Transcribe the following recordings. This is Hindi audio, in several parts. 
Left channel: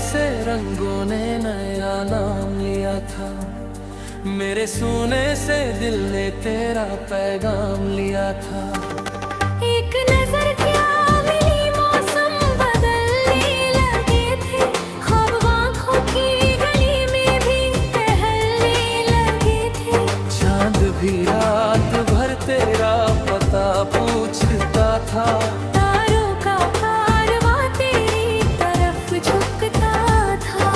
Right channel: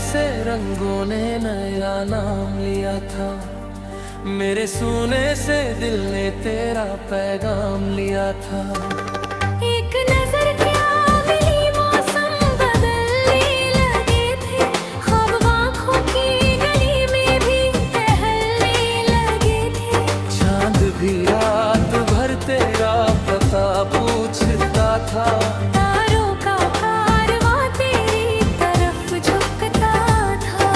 से रंगों ने नया नाम लिया था। मेरे सूने से दिल ने तेरा पैगाम लिया था। एक नजर क्या मिली, मौसम बदलने लगे थे, ख्वाब आँखों की गली में भी टहलने लगे थे। चांद भी रात भर तेरा पता पूछता था। तारों का कारवां तेरी तरफ झुकता था।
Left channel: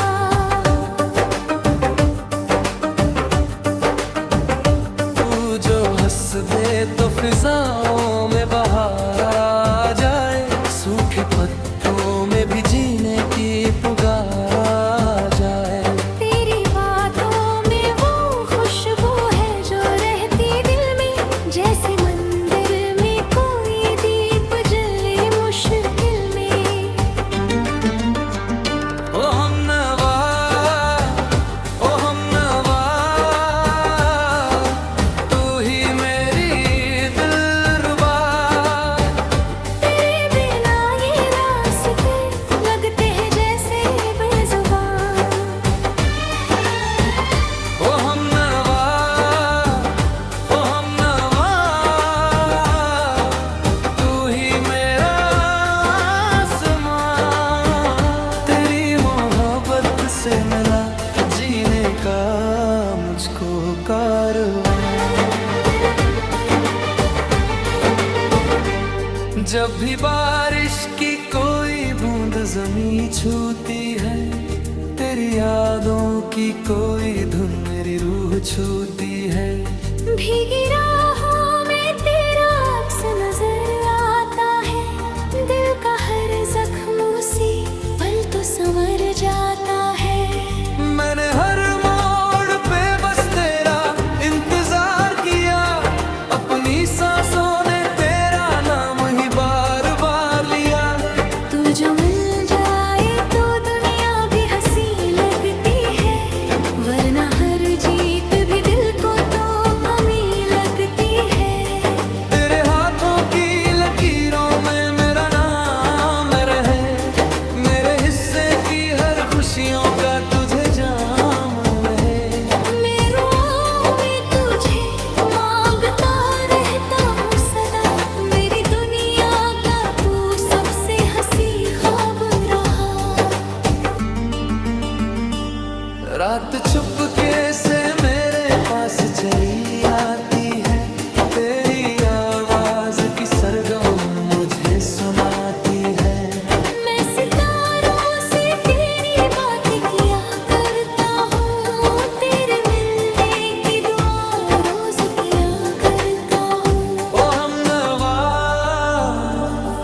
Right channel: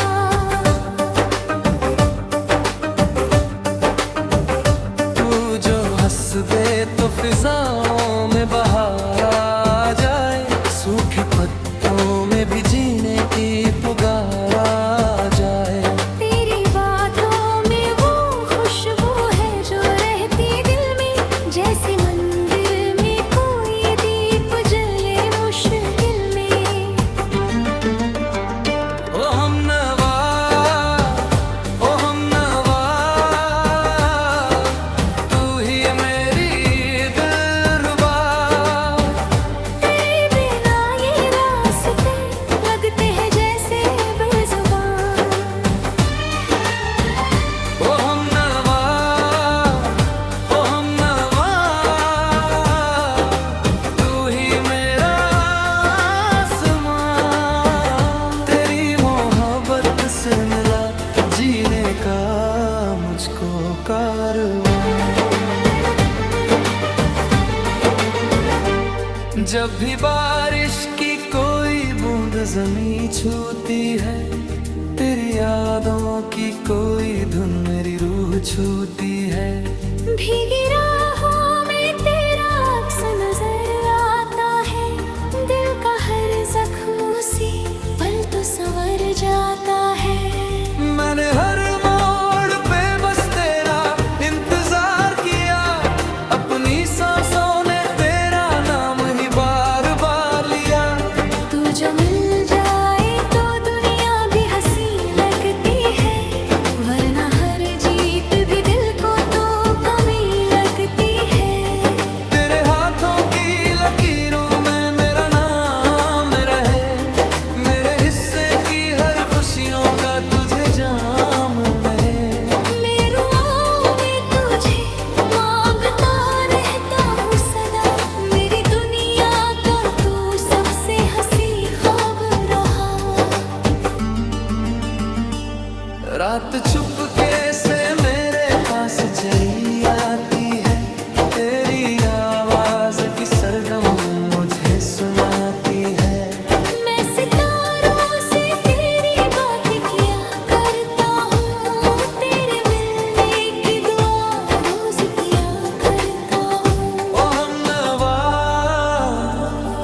तू जो हंस दे तो फिजाओं में बहार आ जाए, सूखे पत्तों में भी जीने की पुकार आ जाए। तेरी बातों में वो खुशबू है जो रहती दिल में, जैसे मंदिर में कोई दीप जले मुश्किल में। ओ हमनवा, ओ हमनवा, तू ही मेरी दिलरुबा। तेरे बिना ये रास्ते लगते हैं जैसे बेजुबान। ओ हमनवा, ओ हमनवा, तू ही मेरा आसमां। तेरी मोहब्बत से मिला जीने का मुझको कारवां। जब भी बारिश की कोई बूंद जमीं छूती है, तेरी यादों की कोई धुन मेरी रूह छूती है। भीगी राहों में तेरा अक्स नजर आता है, दिल का हर जख्म उसी पल तो संवर जाता है। मैंने हर मोड़ पे बस तेरा इंतजार किया, अपनी सांसों ने तेरा नाम ही बार बार लिया। तू जो मिल जाए तो दुनिया भी हंसी लगती है, वरना हर जीत भी दिल को तो कमी लगती है। तेरे हाथों की लकीरों में मेरा नाम रहे, मेरे हिस्से की हर खुशियों का तुझे जाम रहे। मैं रुआओं में तुझे मांगता रहता हूँ सदा, मेरी दुनिया का तू सबसे हंसी ख्वाब रहा। रात चुपके से मेरे पास चली आती है, तेरी आवाज की सरगम मुझे सुनाती है। मैं सितारों से तेरी बात किया करता हूँ, तेरे मिलने की दुआ रोज किया करता हूँ। ओ हमनवा,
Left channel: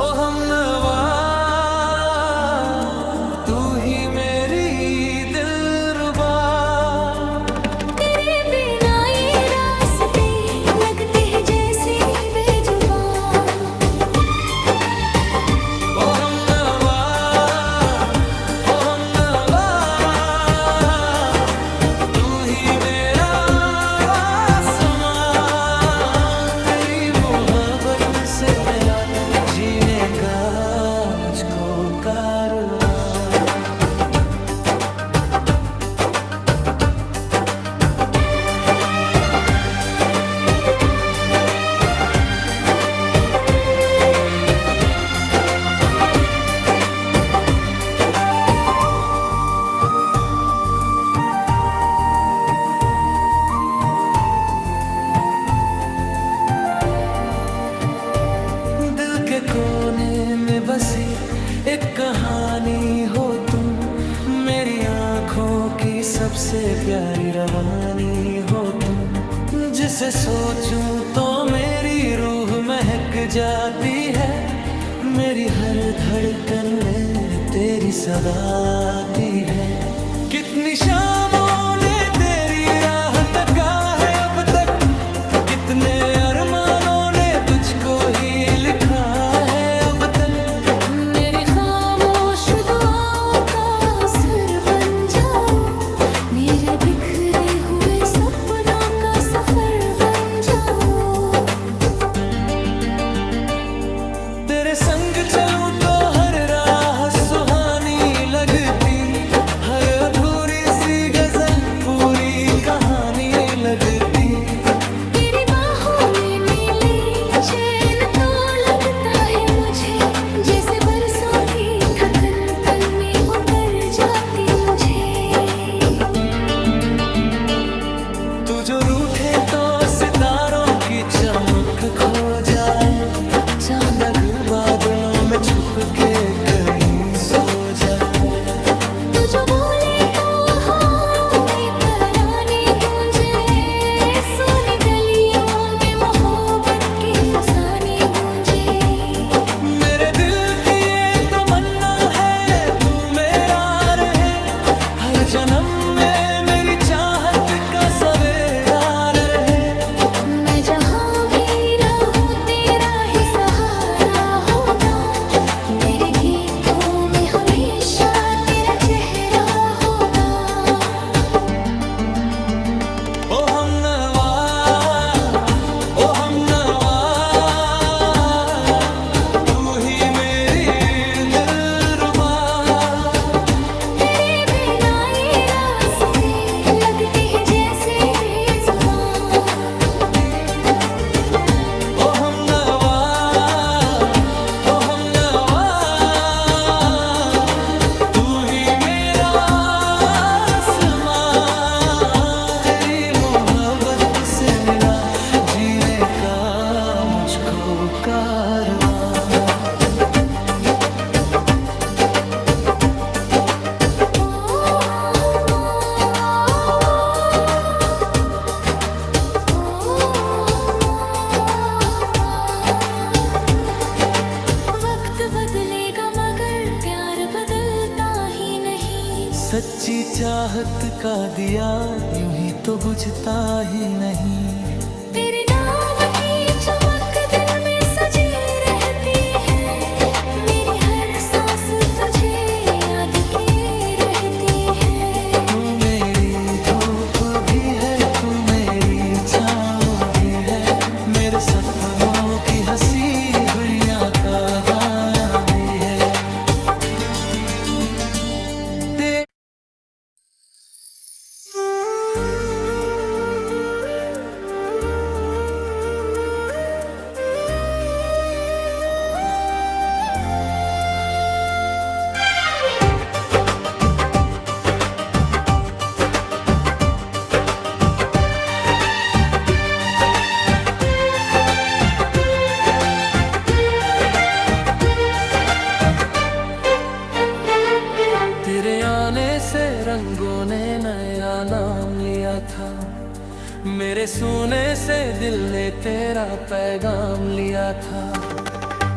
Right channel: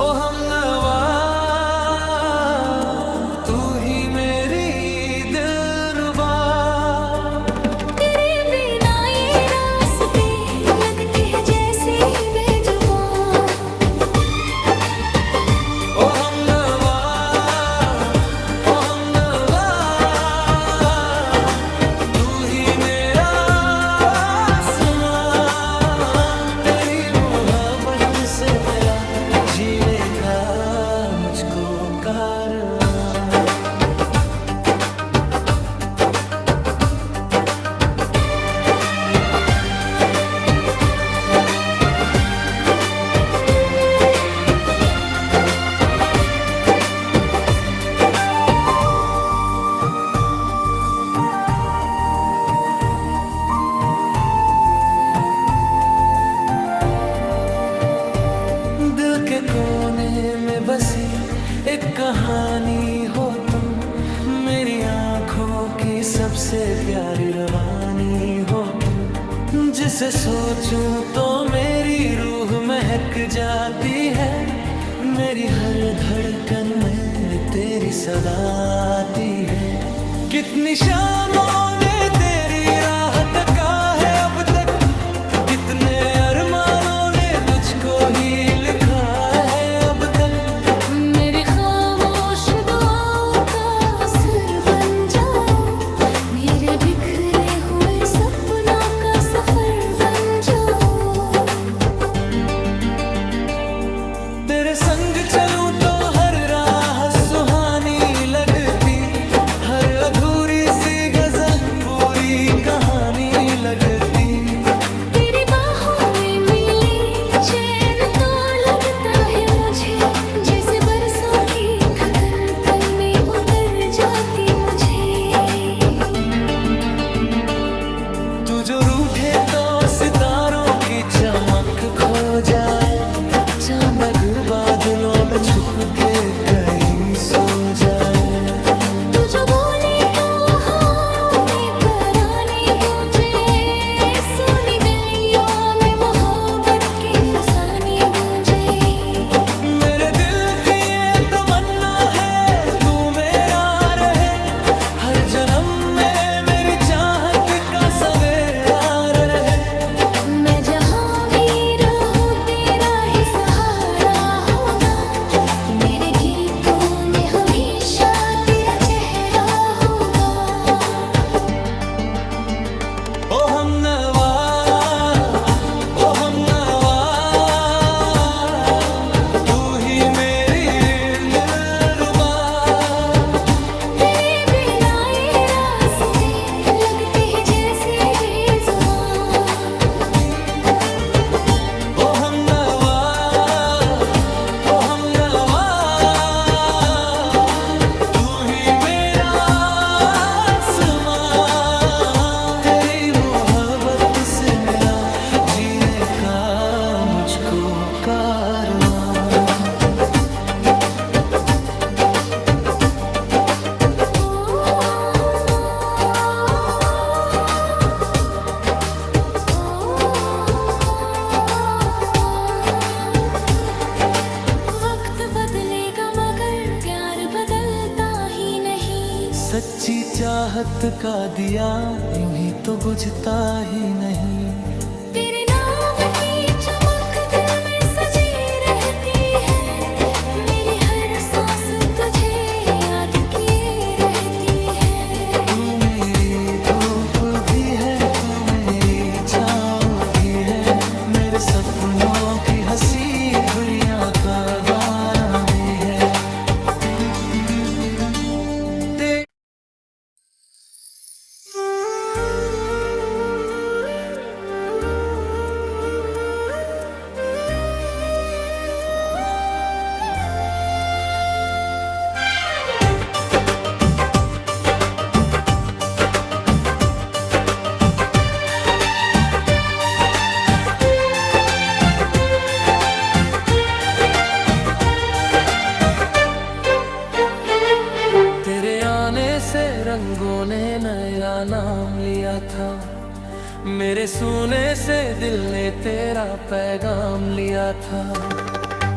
ओ हमनवा, तू ही मेरी दिलरुबा। तेरे बिना ये रास्ते लगते हैं जैसे बेजुबान। ओ हमनवा, ओ हमनवा, तू ही मेरा आसमां। तेरी मोहब्बत से मिला जीने का मुझको कारवां। दिल के कोने में बसी एक कहानी हो तुम, मेरी आँखों की सबसे प्यारी रवानी हो तुम। जिसे सोचूं तो मेरी रूह महक जाती है, मेरी हर धड़कन में तेरी सदा आती है। कितनी शामों ने तेरी राह तका है अब तक, कितने अरमानों ने तुझको ही लिखा है अब तक। मेरी खामोश दुआओं का असर बन जाओ, मेरे बिखरे हुए सपनों का सफर बन जाओ। तेरे संग चलूं तो हर राह सुहानी लगती, आँख खो जाए, चांद अगर बादलों में छुप के कहीं सो जाए। तू जो बोले तो हारों में तराने गूंजे, सोनी गलियों में मोहब्बत के फसाने गूंजे। मेरे दिल की ये तमन्ना है तू मेरा रहे, हर जन्म में मेरी चाहत का सवेरा रहे। मैं जहाँ भी रहूं तेरा ही सहारा होगा, मेरे गीतों में हमेशा तेरा चेहरा होगा। ओ हमनवा, ओ हमनवा, तू ही मेरी दिलरुबा। तेरे बिना ये रास्ते लगते हैं जैसे बेजुबान। ओ हमनवा, ओ हमनवा, तू ही मेरा आसमां। तेरी मोहब्बत से मिला जीने का मुझको कारवां। वक्त बदलेगा मगर प्यार बदलता ही नहीं। सच्ची चाहत का दिया यूं ही तो बुझता ही नहीं। तेरे नाम की चमक दिल में सजी रहती है, मेरी हर सांस तुझे याद किए रहती है। तू मेरी धूप भी है, तू मेरी छाँव भी है, मेरे सपनों की हंसी हुइयां का गाना भी है। ते तेरे आने से रंगों ने नया नाम लिया था, मेरे सुने से दिल ने तेरा पैगाम लिया था।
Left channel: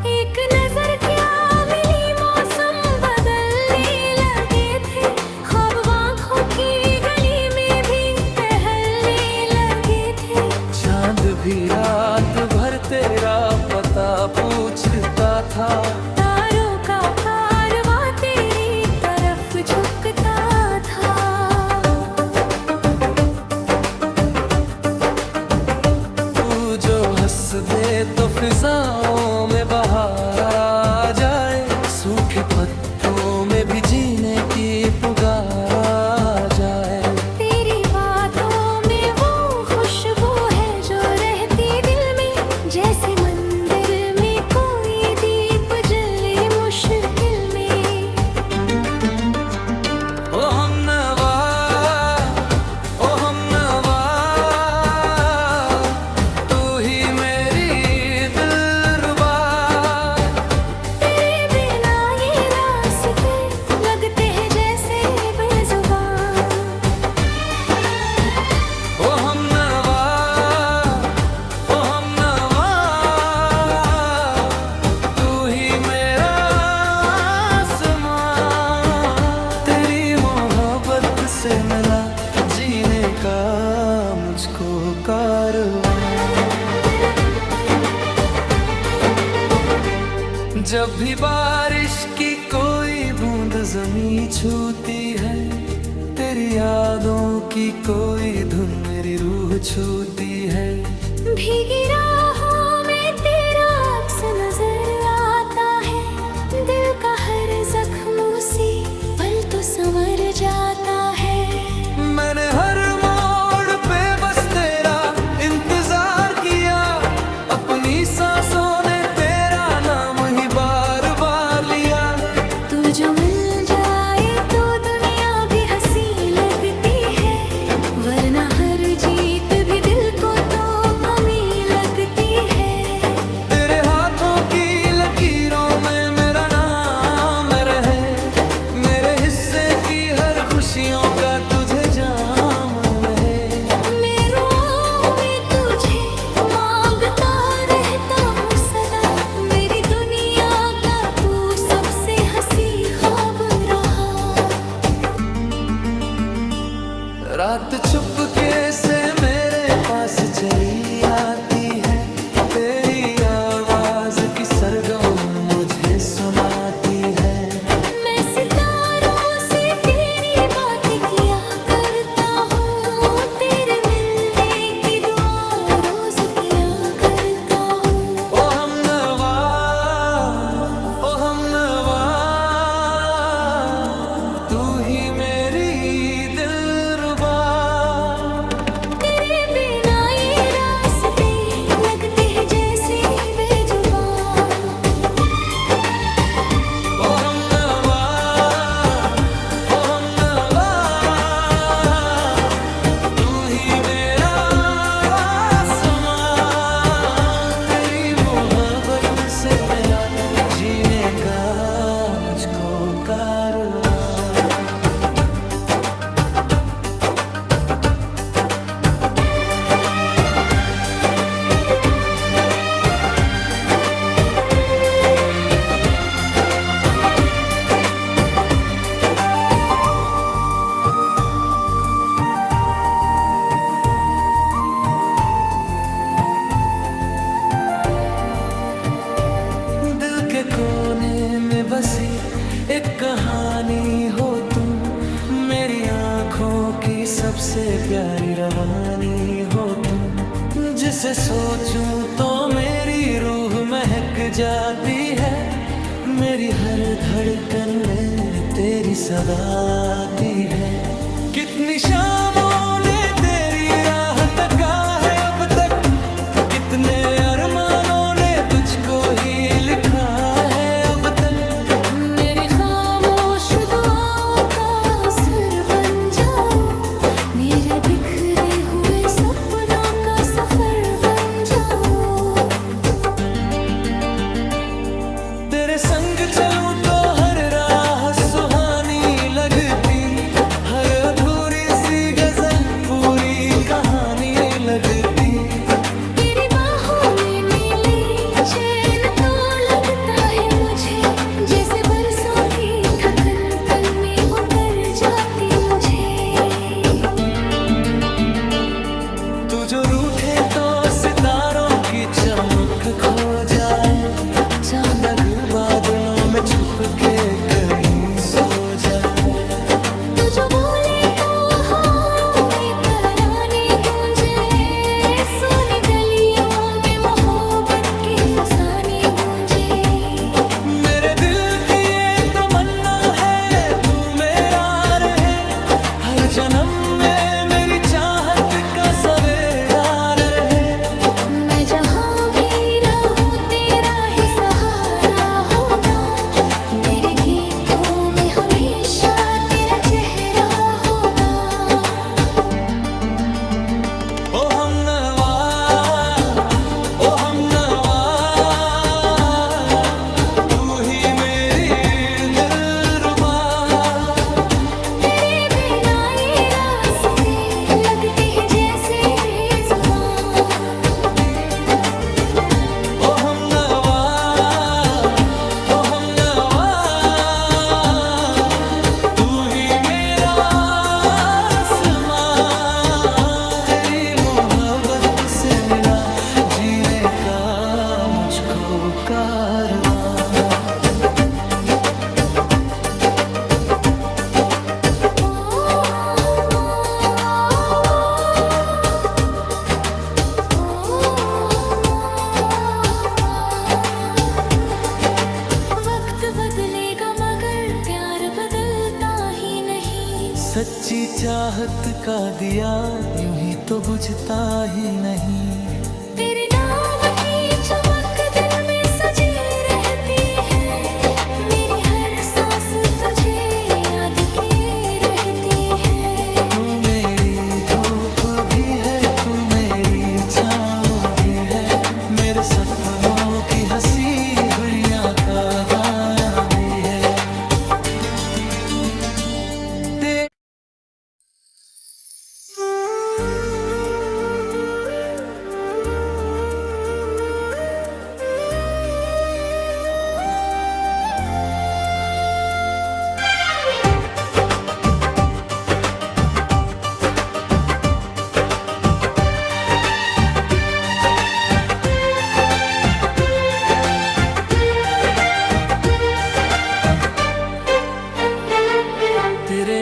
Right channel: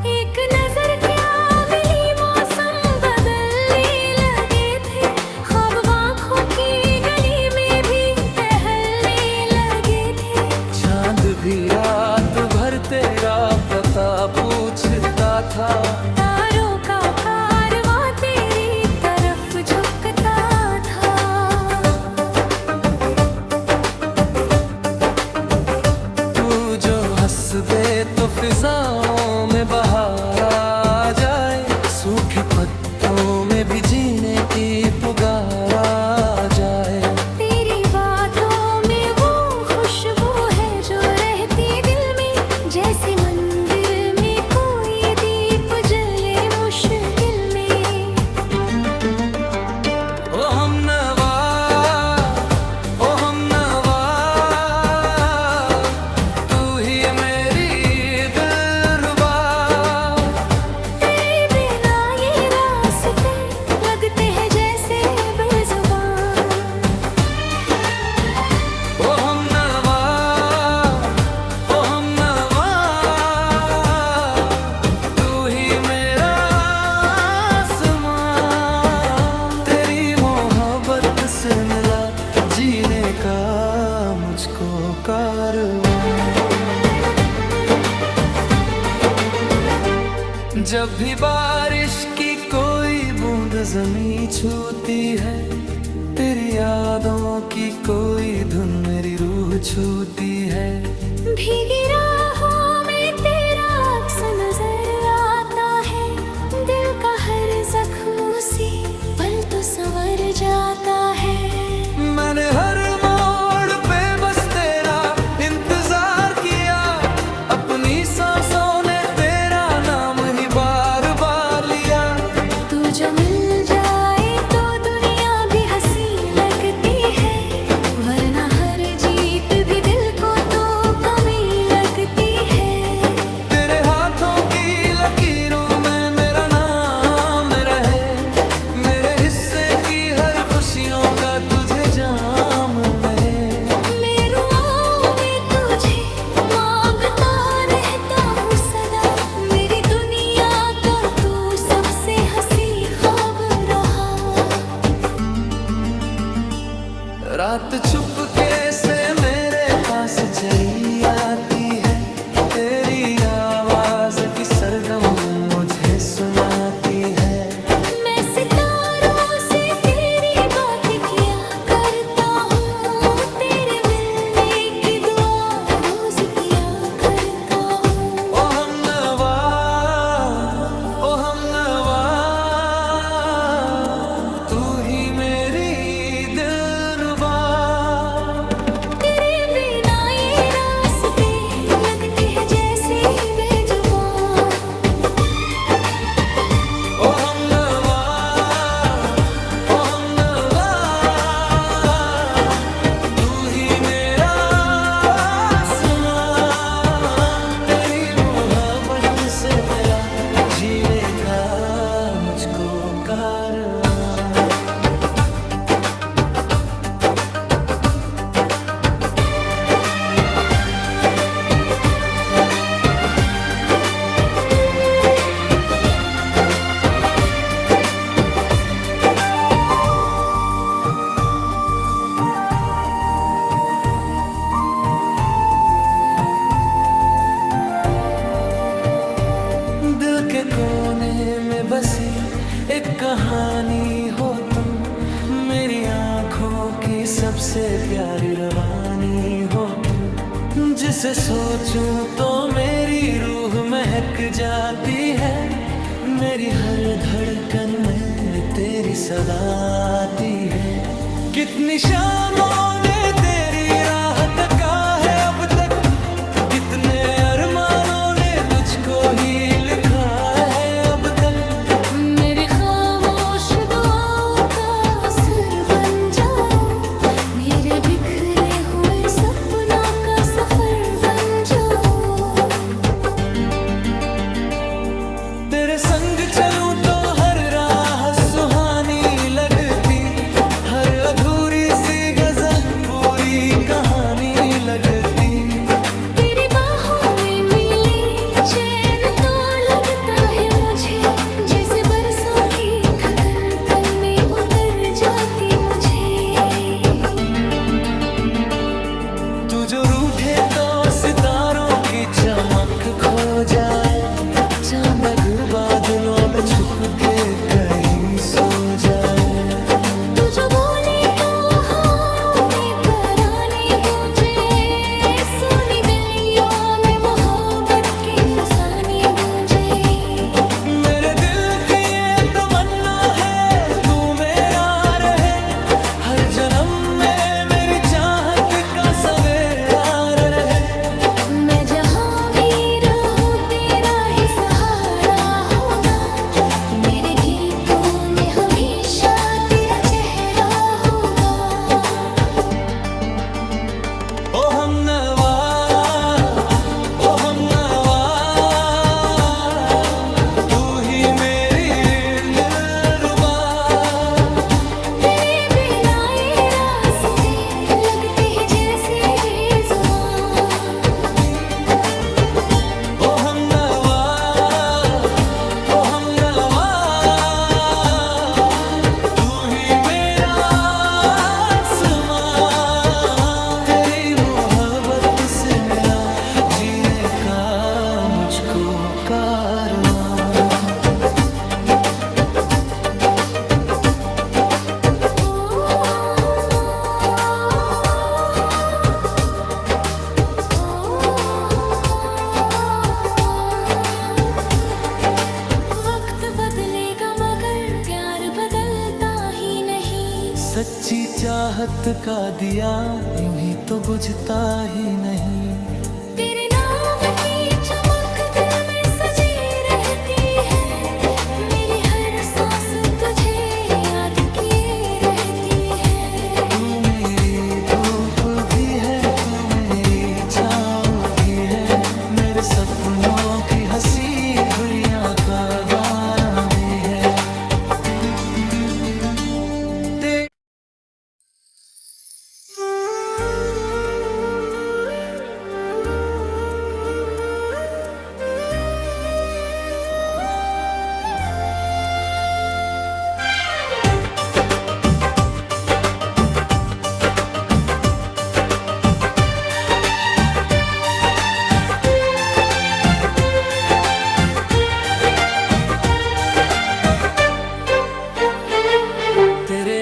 एक नजर क्या मिली मौसम बदलने लगे थे, ख्वाब आँखों की गली में भी टहलने लगे थे। चांद भी रात भर तेरा पता पूछता था, तारों का कारवां तेरी तरफ झुकता था। तू जो हंस दे तो फिजाओं में बहार आ जाए, सूखे पत्तों में भी जीने की पुकार आ जाए। तेरी बातों में वो खुशबू है जो रहती दिल में, जैसे मंदिर में कोई दीप जले मुश्किल में। ओ हमनवा, ओ हमनवा, तू ही मेरी दिलरुबा। तेरे बिना ये रास्ते लगते हैं जैसे बेजुबान। ओ हमनवा, ओ हमनवा, तू ही मेरा आसमां। तेरी मोहब्बत से मिला जीने का मुझको कारवां। जब भी बारिश की कोई बूंद जमीं छूती है, तेरी यादों की कोई धुन मेरी रूह छूती है। भीगी राहों में तेरा अक्स नजर आता है, दिल का हर जख्म उसी पल तो संवर जाता है। मैंने हर मोड़ पे बस तेरा इंतजार किया, अपनी सांसों ने तेरा नाम ही बार बार लिया। तू जो मिल जाए तो दुनिया भी हंसी लगती है, वरना हर जीत भी दिल को तो कमी लगती है। खुशियों का तुझे जाम रहे। मेरे रुआओं में तुझे मांगता रहता हूँ सदा, मेरी दुनिया का तू सबसे हंसी ख्वाब रहा। रात चुपके से मेरे पास चली आती है, तेरी आवाज की सरगम मुझे सुनाती है। मैं सितारों से तेरी बात किया करता हूँ, तेरे मिलने की दुआ रोज किया करता हूँ। ओ हमनवा, ओ हमनवा, तू ही मेरी दिलरुबा। तेरे बिना ये रास्ते लगते हैं जैसे बेजुबान। ओ हमनवा, ओ हमनवा, तू ही मेरा आसमां। तेरी मोहब्बत से मिला जीने का मुझको कारवां। दिल के कोने में बसी एक कहानी हो तुम, मेरी आंखों की सबसे प्यारी रवानी हो तुम। जिसे सोचूं तो मेरी रूह महक जाती है, मेरी हर धड़कन में तेरी सदा आती है। कितनी शामों ने तेरी राह तका है अब तक, कितने अरमानों ने तुझको ही लिखा है अब तक। मेरी खामोश दुआओं का असर बन जाओ, मेरे बिखरे हुए सपनों का सफर बन जाओ। तेरे संग चलूं तो हर राह सुहानी लगती, हर अधूरी सी गजल पूरी कहानी लगती। तेरी बाहों में मिले चैन तो लगता है मुझे, जैसे बरसों की थकन पल में उतर जाती मुझे। तू जो रूठे तो सितारों की चमक खो जाए, चांद अगर बादलों में छुप के कहीं सो जाए। तू जो बोले तो हवाओं में तराने गूंजे, सोनी गलियों में मोहब्बत के फसाने गूंजे। मेरे दिल की ये तमन्ना है तू मेरा रहे, हर जन्म में मेरी चाहत का सवेरा रहे। मैं जहाँ भी रहूं तेरा ही सहारा होगा, मेरे गीतों में हमेशा तेरा चेहरा होगा। ओ हमनवा, ओ हमनवा, तू ही मेरी दिलरुबा। तेरे बिना ये रास्ते लगते हैं जैसे बेजुबान। ओ हमनवा, ओ हमनवा, तू ही मेरा आसमां। तेरी मोहब्बत से मिला जीने का मुझको कारवां। वक्त बदलेगा मगर प्यार बदलता ही नहीं। सच्ची चाहत का दिया यूं ही तो बुझता ही नहीं। तेरे नाम की चमक दिल में सजी रहती है, मेरी हर सांस तुझे याद किए रहती है। तू मेरी धूप भी है, तू मेरी छाँव भी है, मेरे सपनों की हंसी हुइयां का गाना भी है।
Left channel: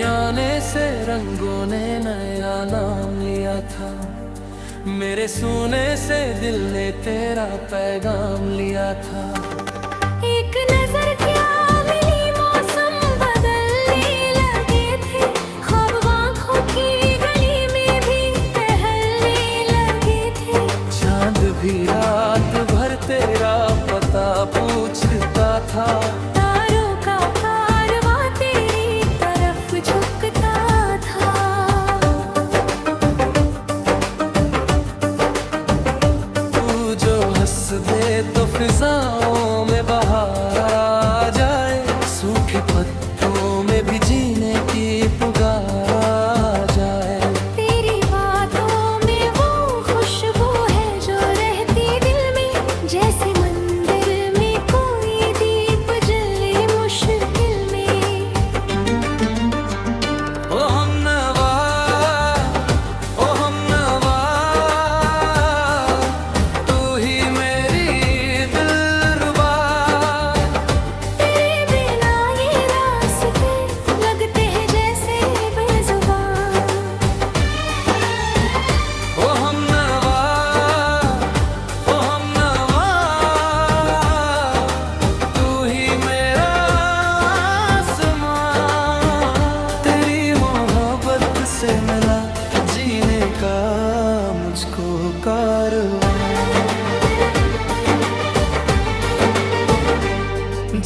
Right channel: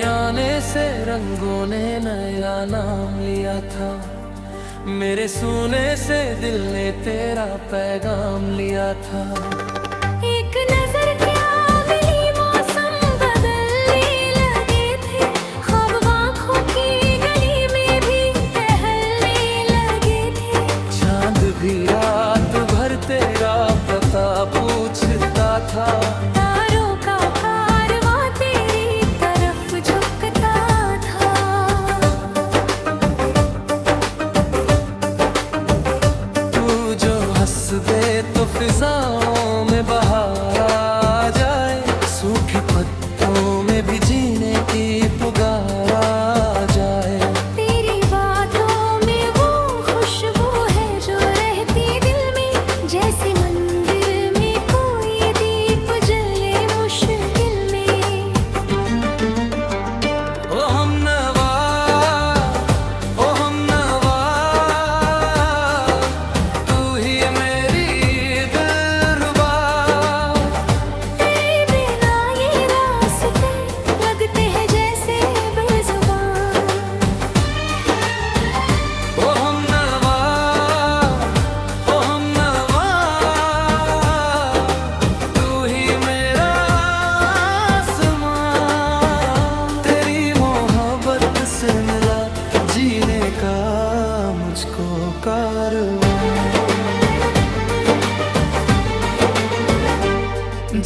आने से रंगों ने नया नाम लिया था, मेरे सुने से दिल ने तेरा पैगाम लिया था। एक नजर क्या मिली, मौसम बदलने लगे थे, ख्वाब आँखों की गली में भी टहलने लगे थे। चांद भी रात भर तेरा पता पूछता था, तारों का कारवां तेरी तरफ झुकता था। तू जो हंस दे तो फिजाओं में बहार आ जाए, सूखे पत्तों में भी जीने की पुकार आ जाए। तेरी बातों में वो खुशबू है जो रहती दिल में, जैसे मंदिर में कोई दीप जले मुश्किल में। ओ हमनवा, ओ हमनवा, तू ही मेरी दिलरुबा। तेरे बिना ये रास्ते लगते हैं जैसे बेजुबान। ओ हमनवा, ओ हमनवा, तू ही मेरा आसमां। तेरी मोहब्बत से मिला जीने का मुझको कारवां।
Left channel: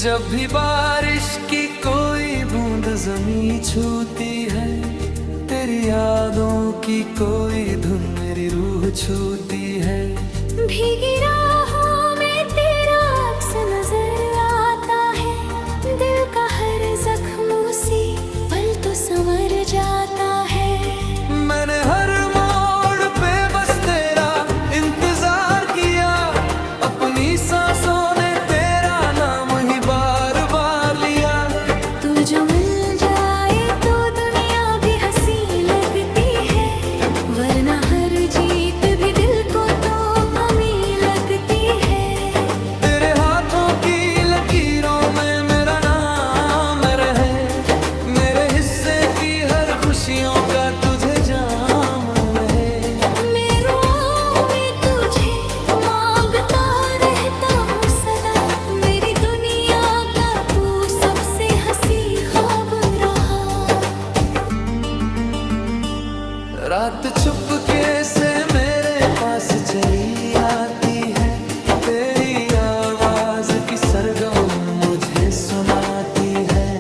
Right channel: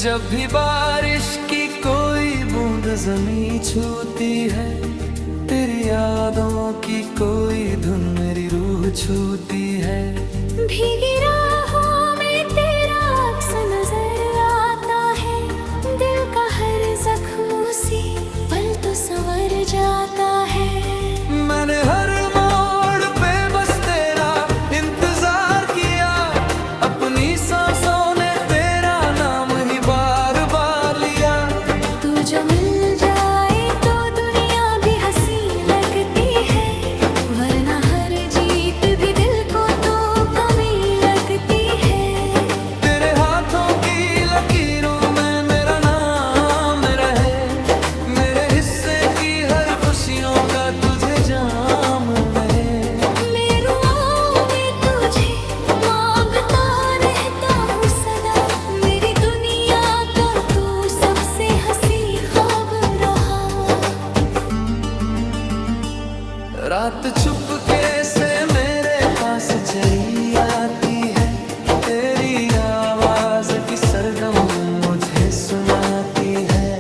जब भी बारिश की कोई बूंद जमीं छूती है, तेरी यादों की कोई धुन मेरी रूह छूती है। भीगी राहों में तेरा अक्स नजर आता है, दिल का हर जख्म उसी पल तो संवर जाता है। मैंने हर मोड़ पे बस तेरा इंतजार किया, अपनी सांसों ने तेरा नाम ही बार बार लिया। तू जो मिल जाए तो दुनिया भी हंसी लगती है, वरना हर जीत भी दिल को तो कमी लगती है। तेरे हाथों की लकीरों में मेरा नाम रहे, मेरे हिस्से की हर खुशियों का तुझे जाम रहे। मैं रुआओं में तुझे मांगता रहता हूँ सदा, मेरी दुनिया का तू सबसे हंसी ख्वाब रहा। रात चुपके से मेरे पास चली आती है, तेरी आवाज की सरगम मुझे सुनाती है।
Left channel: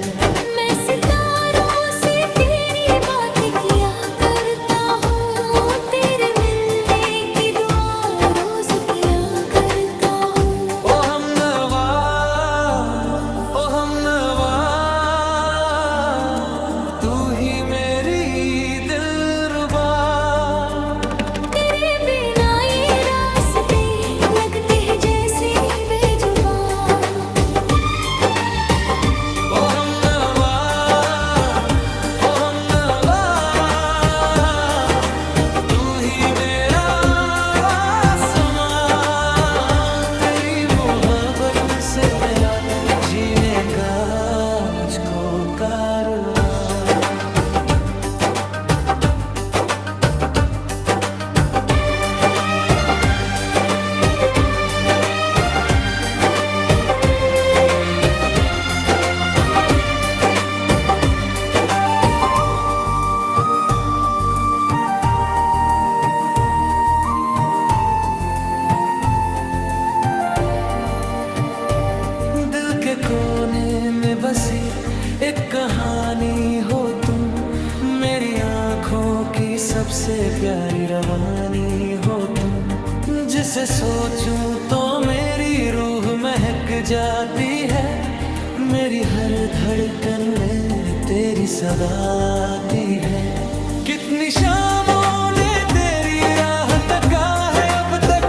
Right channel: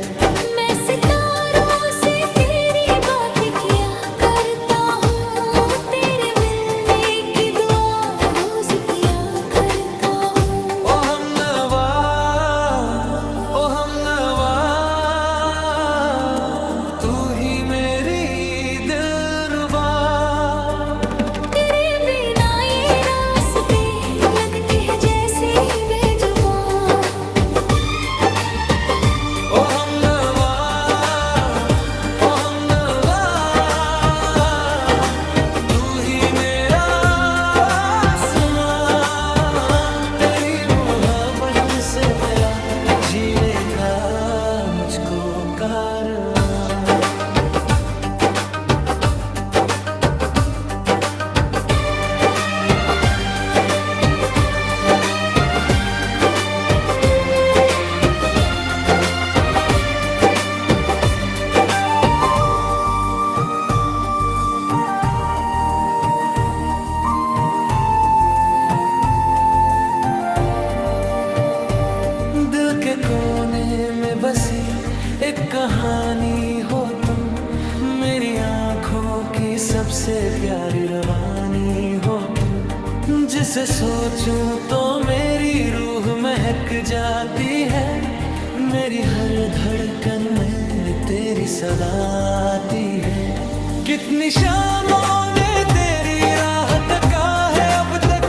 मैं सितारों से तेरी बात किया करता हूँ, तेरे मिलने की दुआ रोज किया करता हूँ। ओ हमनवा, ओ हमनवा, तू ही मेरी दिलरुबा। तेरे बिना ये रास्ते लगते हैं जैसे बेजुबान। ओ हमनवा, ओ हमनवा, तू ही मेरा आसमां। तेरी मोहब्बत से मिला जीने का मुझको कारवां। दिल के कोने में बसी एक कहानी हो तुम, मेरी आँखों की सबसे प्यारी रवानी हो तुम। जिसे सोचूं तो मेरी रूह महक जाती है, मेरी हर धड़कन में तेरी सदा आती है। कितनी शामों ने तेरी राह तका है अब तक,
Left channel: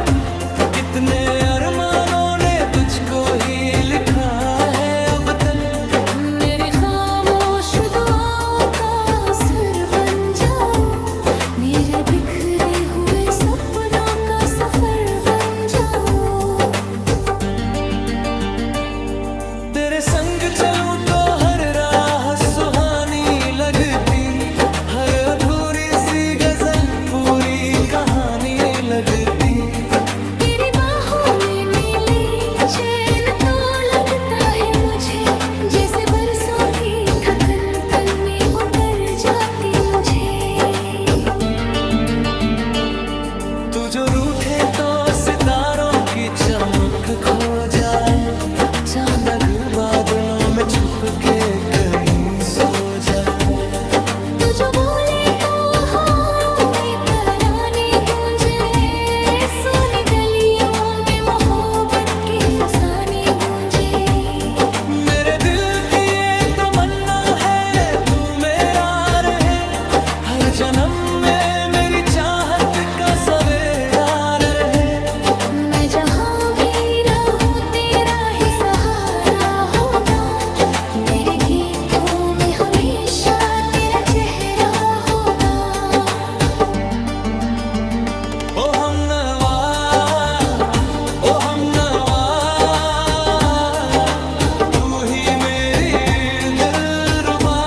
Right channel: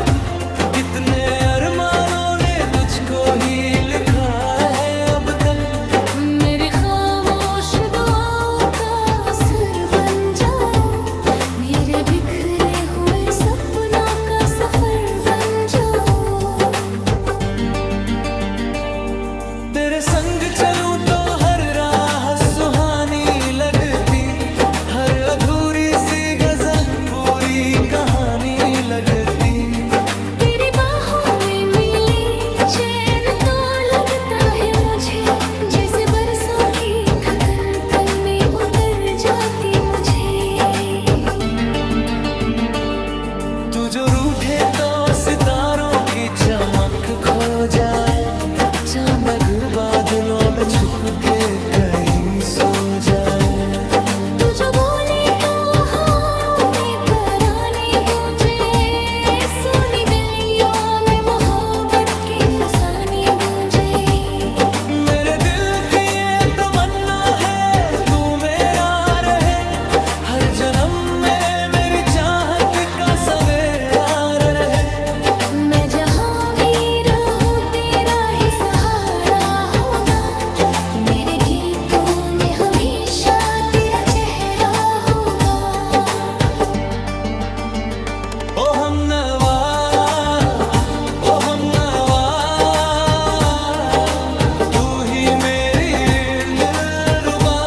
कितने अरमानों ने तुझको ही लिखा है अब तक। मेरी खामोश दुआओं का असर बन जाओ, मेरे बिखरे हुए सपनों का सफर बन जाओ। तेरे संग चलूं तो हर राह सुहानी लगती आँख खो जाए, चांद अगर बादलों में छुप के कहीं सो जाए। तू जो बोले तो हवाओं में तराने गूंजे, सोनी गलियों में मोहब्बत के फसाने गूंजे। मेरे दिल की ये तमन्ना है तू मेरा रहे, हर जन्म में मेरी चाहत का सवेरा रहे। मैं जहाँ भी रहूं तेरा ही सहारा होगा, मेरे गीतों में हमेशा तेरा चेहरा होगा। ओ हमनवा, ओ हमनवा, तू ही मेरी दिलरुबा।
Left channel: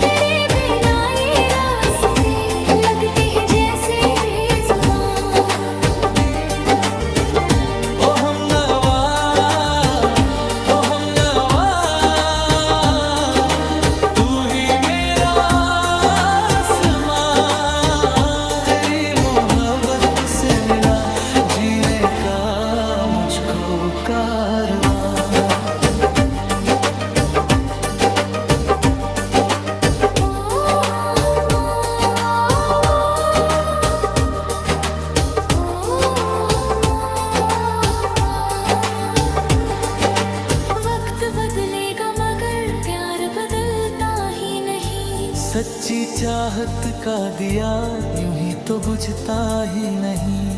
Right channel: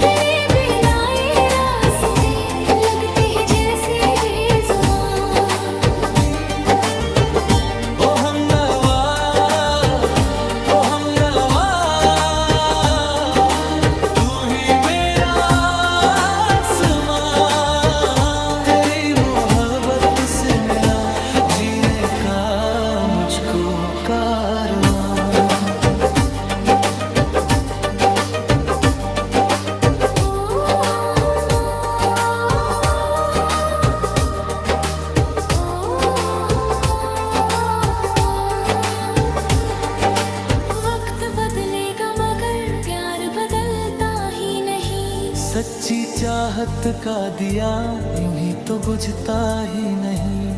तेरे बिना ये रास्ते लगते हैं जैसे बेजुबान। ओ हमनवा, ओ हमनवा, तू ही मेरा आसमां। तेरी मोहब्बत से मिला जीने का मुझको कारवां। वक्त बदलेगा मगर प्यार बदलता ही नहीं। सच्ची चाहत का दिया यूं ही तो बुझता ही नहीं।